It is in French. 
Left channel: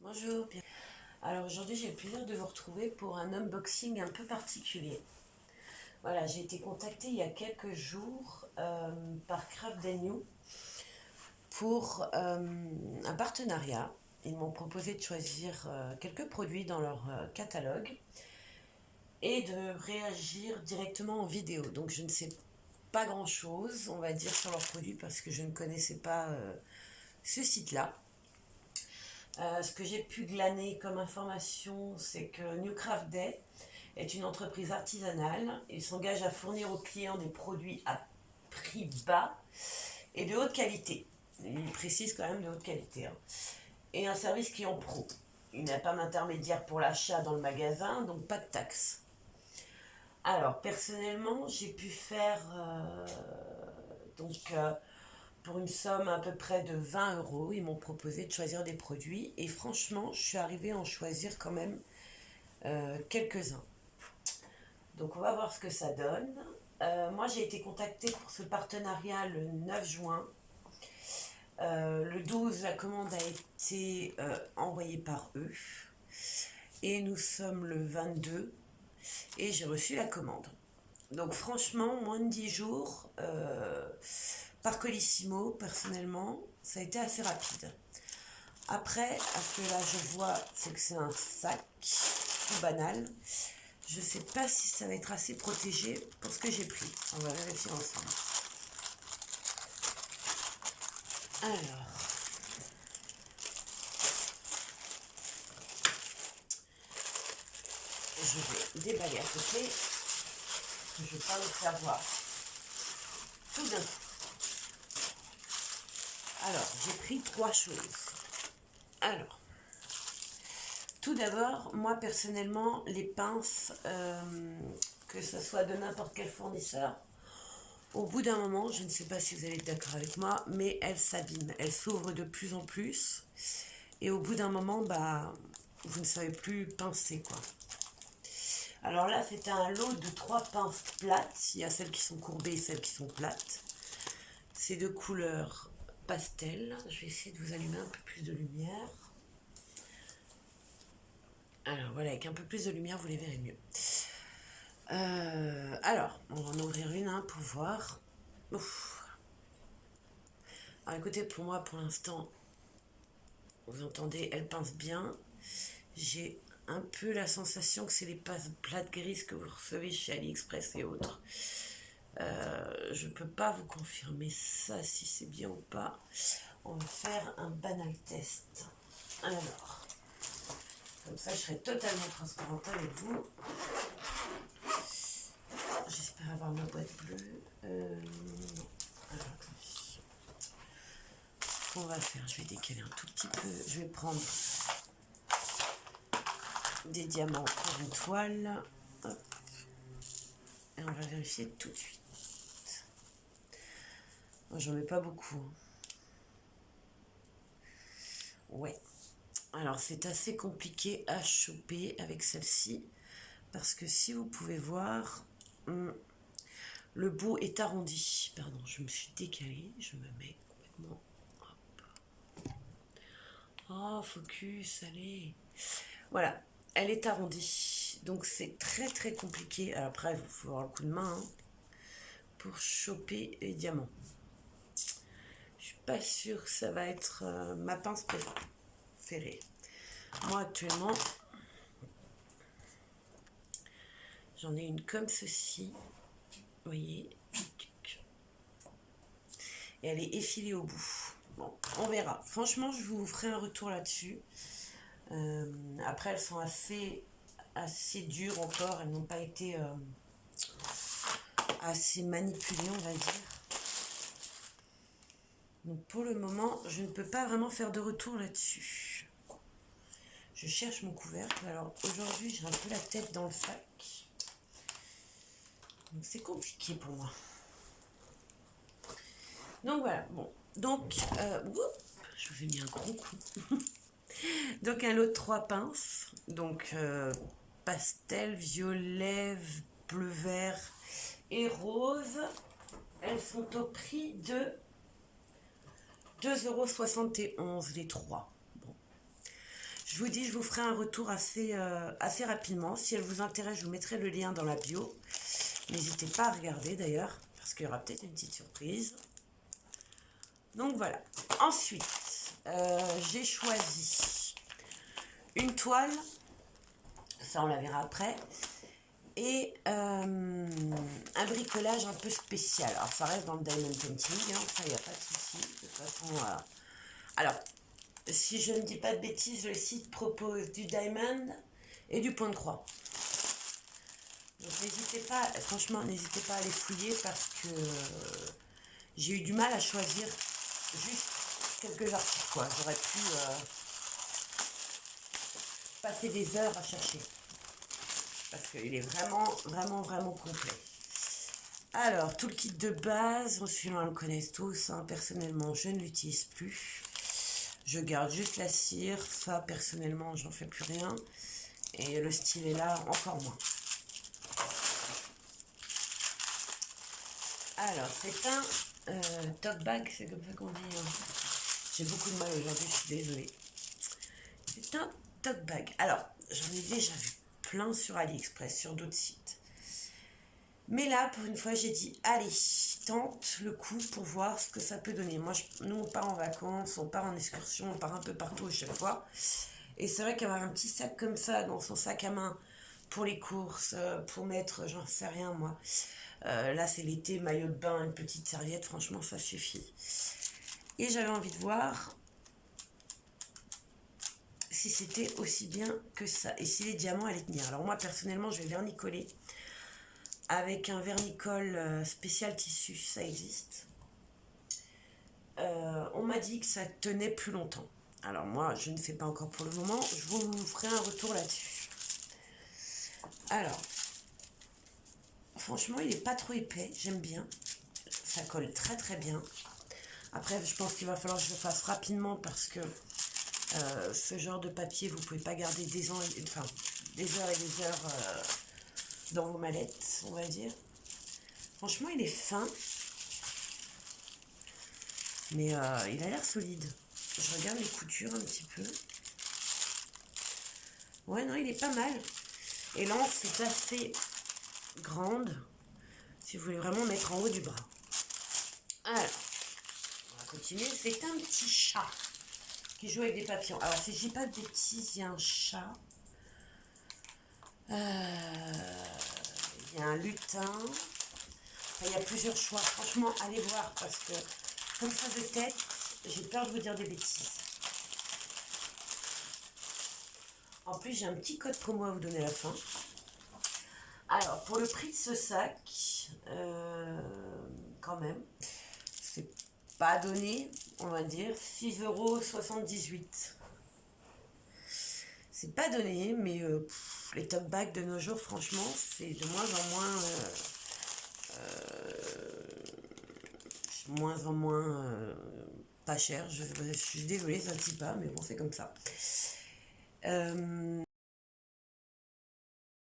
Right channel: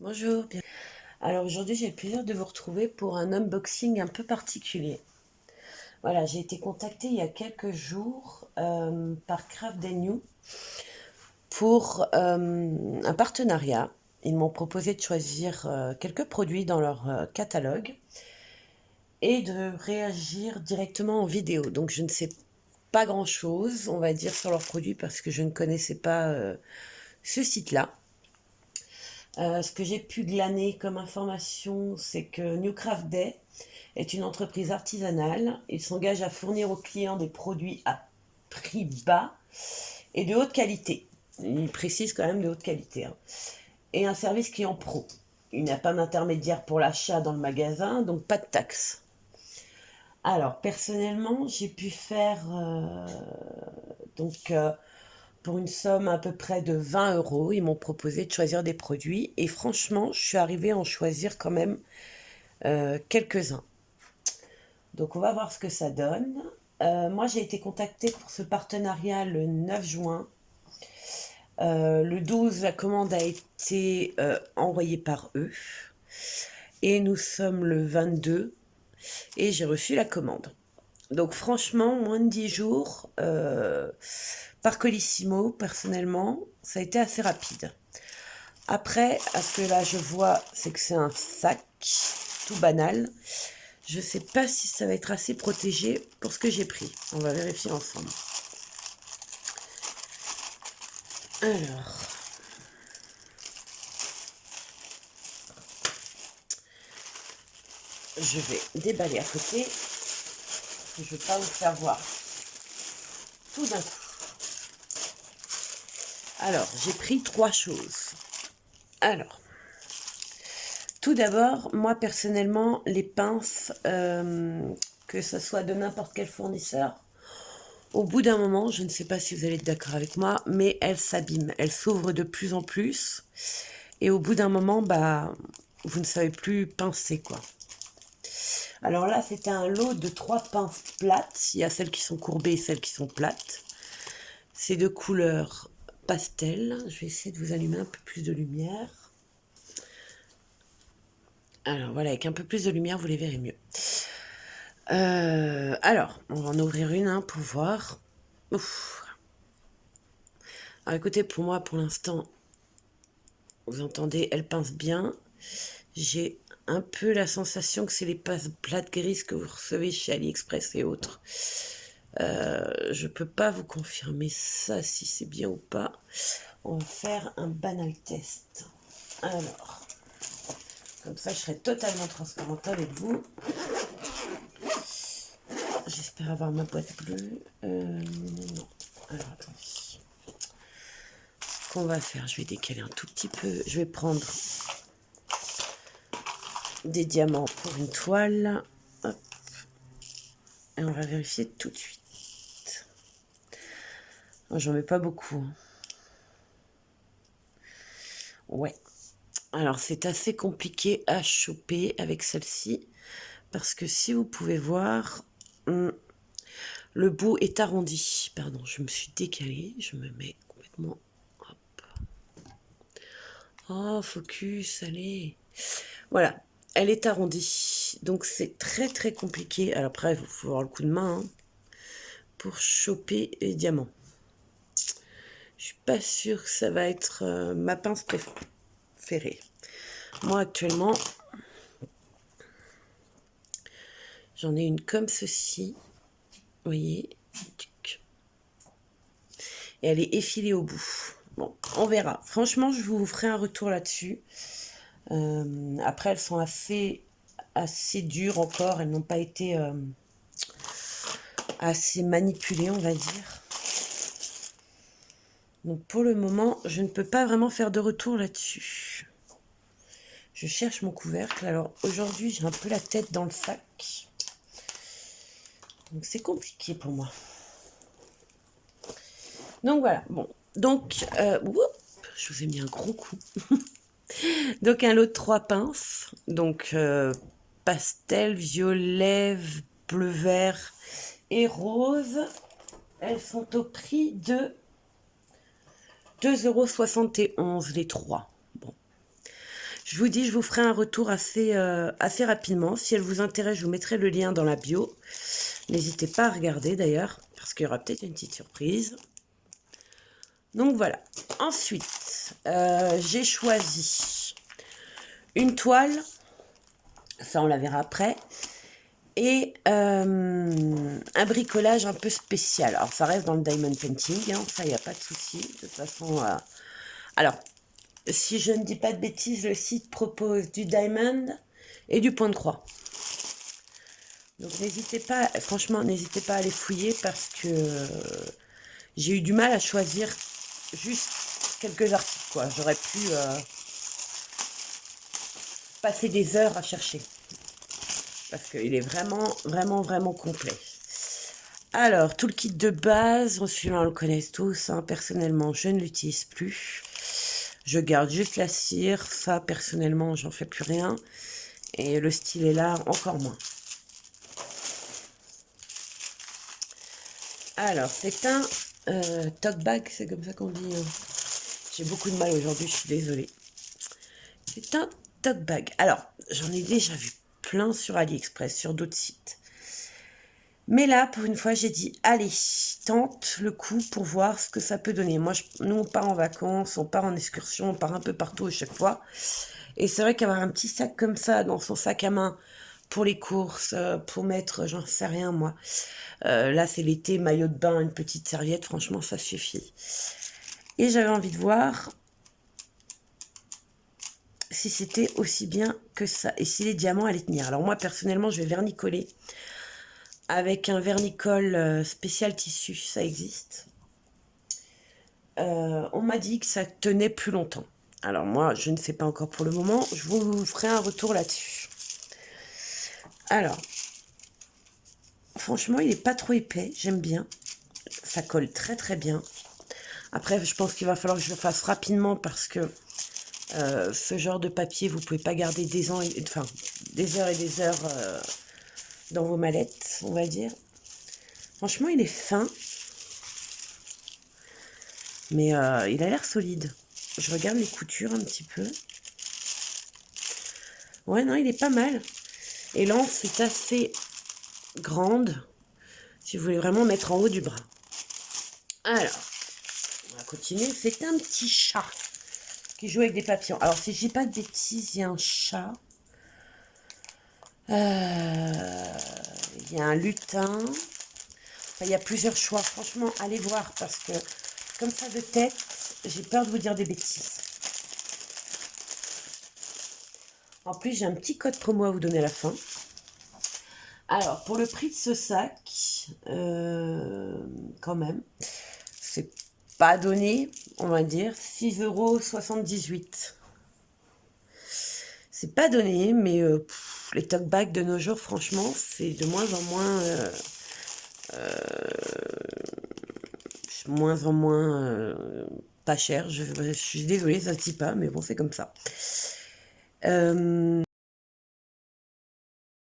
Bonjour. Alors aujourd'hui, j'ai le plaisir de vous retrouver pour un unboxing un peu particulier. Voilà, j'ai été contactée il y a quelques jours par Craft New pour un partenariat. Ils m'ont proposé de choisir quelques produits dans leur catalogue et de réagir directement en vidéo. Donc je ne sais pas grand-chose, on va dire, sur leurs produits parce que je ne connaissais pas ce site-là. Ce que j'ai pu glaner comme information, c'est que New Craft Day est une entreprise artisanale. Ils s'engagent à fournir aux clients des produits à prix bas et de haute qualité. Ils précisent quand même de haute qualité, hein. Et un service client pro. Il n'y a pas d'intermédiaire pour l'achat dans le magasin, donc pas de taxes. Alors, personnellement, j'ai pu faire donc pour une somme à peu près de 20 euros. Ils m'ont proposé de choisir des produits et franchement, je suis arrivée à en choisir quand même quelques-uns. Donc on va voir ce que ça donne. Moi j'ai été contactée pour ce partenariat le 9 juin. Le 12, la commande a été envoyée par eux. Et nous sommes le 22 et j'ai reçu la commande. Donc franchement, moins de 10 jours, par Colissimo, personnellement, ça a été assez rapide. Après, à ce que là je vois, c'est que c'est un sac tout banal. Je ne sais pas si ça va être assez protégé pour ce que j'ai pris. On va vérifier ensemble. Alors, je vais déballer à côté. Je ne vais pas vous faire voir tout d'un coup. Alors, j'ai pris 3 choses. Alors, tout d'abord, moi personnellement, les pinces, que ce soit de n'importe quel fournisseur, au bout d'un moment, je ne sais pas si vous allez être d'accord avec moi, mais elles s'abîment, elles s'ouvrent de plus en plus. Et au bout d'un moment, bah, vous ne savez plus pincer, quoi. Alors là, c'était un lot de 3 pinces plates. Il y a celles qui sont courbées et celles qui sont plates. C'est de couleur pastel. Je vais essayer de vous allumer un peu plus de lumière. Alors voilà, avec un peu plus de lumière, vous les verrez mieux. Alors, on va en ouvrir une pour voir. Ouf. Alors écoutez, pour moi, pour l'instant, vous entendez, elle pince bien. J'ai un peu la sensation que c'est les pinces plates grises que vous recevez chez AliExpress et autres. Je peux pas vous confirmer ça, si c'est bien ou pas. On va faire un banal test. Alors, comme ça, je serai totalement transparente avec vous. J'espère avoir ma boîte bleue. Non. Alors, attendez. Ce qu'on va faire, je vais décaler un tout petit peu. Je vais prendre des diamants pour une toile. Hop. Et on va vérifier tout de suite. J'en mets pas beaucoup. Ouais. Alors, c'est assez compliqué à choper avec celle-ci. Parce que si vous pouvez voir, le bout est arrondi. Pardon, je me suis décalée. Je me mets complètement. Hop. Oh, focus, allez. Voilà, elle est arrondie. Donc c'est très très compliqué. Alors après, il faut avoir le coup de main pour choper les diamants. Je suis pas sûre que ça va être ma pince préférée. Moi actuellement, j'en ai une comme ceci. Vous voyez. Et elle est effilée au bout. Bon, on verra. Franchement, je vous ferai un retour là-dessus. Après, elles sont assez dures encore. Elles n'ont pas été assez manipulées, on va dire. Donc pour le moment, je ne peux pas vraiment faire de retour là-dessus. Je cherche mon couvercle. Alors aujourd'hui, j'ai un peu la tête dans le sac. Donc c'est compliqué pour moi. Donc voilà, bon. Donc, je vous ai mis un gros coup. Donc un lot de 3 pinces. Donc pastel, violet, bleu, vert et rose. Elles sont au prix de 2,71 € les 3. Bon. Je vous dis, je vous ferai un retour assez rapidement. Si elle vous intéresse, je vous mettrai le lien dans la bio. N'hésitez pas à regarder d'ailleurs, parce qu'il y aura peut-être une petite surprise. Donc voilà. Ensuite, j'ai choisi une toile. Ça, on la verra après. Et un bricolage un peu spécial. Alors, ça reste dans le diamond painting, hein, ça, il n'y a pas de souci. De toute façon, alors, si je ne dis pas de bêtises, le site propose du diamond et du point de croix. Donc, n'hésitez pas, franchement, n'hésitez pas à les fouiller parce que j'ai eu du mal à choisir juste quelques articles, quoi. J'aurais pu passer des heures à chercher. Parce qu'il est vraiment complet. Alors, tout le kit de base, celui-là on le connaît tous, hein. Personnellement, je ne l'utilise plus. Je garde juste la cire, ça personnellement, j'en fais plus rien. Et le stylet là, encore moins. Alors, c'est un tote bag, c'est comme ça qu'on dit. Hein. J'ai beaucoup de mal aujourd'hui, je suis désolée. C'est un tote bag. Alors, j'en ai déjà vu plein sur AliExpress, sur d'autres sites. Mais là, pour une fois, j'ai dit, allez, tente le coup pour voir ce que ça peut donner. Moi, nous, on part en vacances, on part en excursion, on part un peu partout à chaque fois. Et c'est vrai qu'avoir un petit sac comme ça dans son sac à main pour les courses, pour mettre, j'en sais rien moi. Là, c'est l'été, maillot de bain, une petite serviette, franchement, ça suffit. Et j'avais envie de voir si c'était aussi bien que ça et si les diamants allaient tenir. Alors moi, personnellement, je vais vernicoller avec un vernicole spécial tissu, ça existe. On m'a dit que ça tenait plus longtemps. Alors moi, je ne sais pas encore pour le moment. Je vous ferai un retour là-dessus. Alors, franchement, il n'est pas trop épais. J'aime bien. Ça colle très bien. Après, je pense qu'il va falloir que je le fasse rapidement parce que ce genre de papier, vous ne pouvez pas garder des heures et des heures dans vos mallettes, on va dire. Franchement, il est fin. Mais il a l'air solide. Je regarde les coutures un petit peu. Ouais, non, il est pas mal. Et l'anse est assez grande. Si vous voulez vraiment mettre en haut du bras. Alors, on va continuer. C'est un petit chat qui joue avec des papillons. Alors, si je dis pas de bêtises, il y a un chat. Il y a un lutin. Enfin, il y a plusieurs choix. Franchement, allez voir parce que comme ça de tête, j'ai peur de vous dire des bêtises. En plus, j'ai un petit code promo à vous donner à la fin. Alors, pour le prix de ce sac, quand même, c'est pas donné, on va dire, 6,78 €. C'est pas donné, mais les tote bags de nos jours, franchement, c'est de moins en moins pas cher. Je suis désolée, ça ne se dit pas, mais bon, c'est comme ça.